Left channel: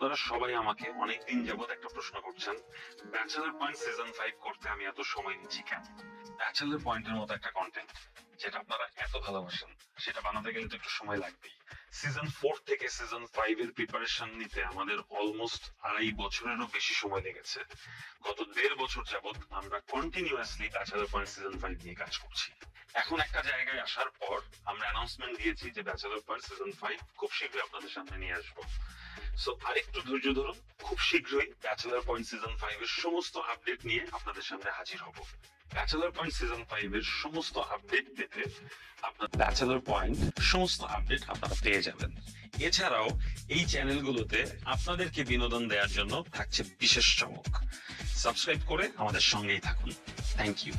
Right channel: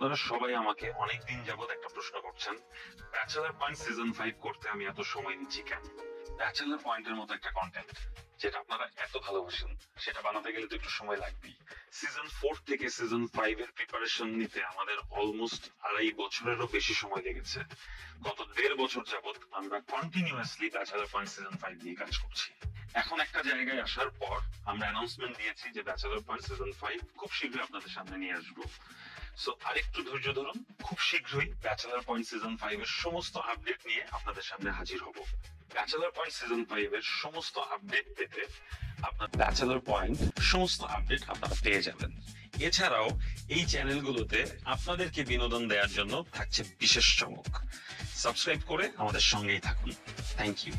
আপনারা সবাই আমাকে অনেকদিন যাবত একটা প্রশ্ন করছেন, ব্যাচেলর পয়েন্ট সিজন 5 করতে আমি এত সময় নিচ্ছি কেন? ব্যাচেলর পয়েন্টের মতো একটা কন্টেন্ট যেটা আপনারা এত ভালোবাসেন, সেটা বানাতে গেলে তো একটু সময় লাগবেই। সিজন 4 থেকে সিজন 5 এর প্রিপারেশন নিতে আমাদের অলমোস্ট 2.5 বছরেরও বেশি সময় লেগেছে। গত 1.5 বছর যাবত আমরা কন্টিনিউয়াসলি ব্যাচেলর পয়েন্ট সিজন 5 নিয়ে কাজ করছি। এখন একটা জায়গায় আসার পর আমরা অ্যানাউন্সমেন্ট দিয়েছি যে ব্যাচেলর পয়েন্ট সিজন 5 খুব শীঘ্রই আপনাদের সামনে নিয়ে আসবো। সো আরেকটু ধৈর্য ধরুন, খুব শীঘ্রই ব্যাচেলর পয়েন্ট সিজন 5 এর সমস্ত আপডেট নিয়ে আপনাদের সামনে হাজির হব। ব্যাচেলর পয়েন্ট সিজন 5 এর সমস্ত আপডেট পেতে আপনার ব্যাচেলর পয়েন্ট সমস্ত আপডেট আপনারা পেয়ে যাবেন। এছাড়াও এই চ্যানেলগুলোতে আপনাদেরকে বিনোদন দেওয়ার জন্য থাকছে বিশেষ চমক। সাবস্ক্রাইব করে আমাদের সঙ্গেই থাকুন। Thank you.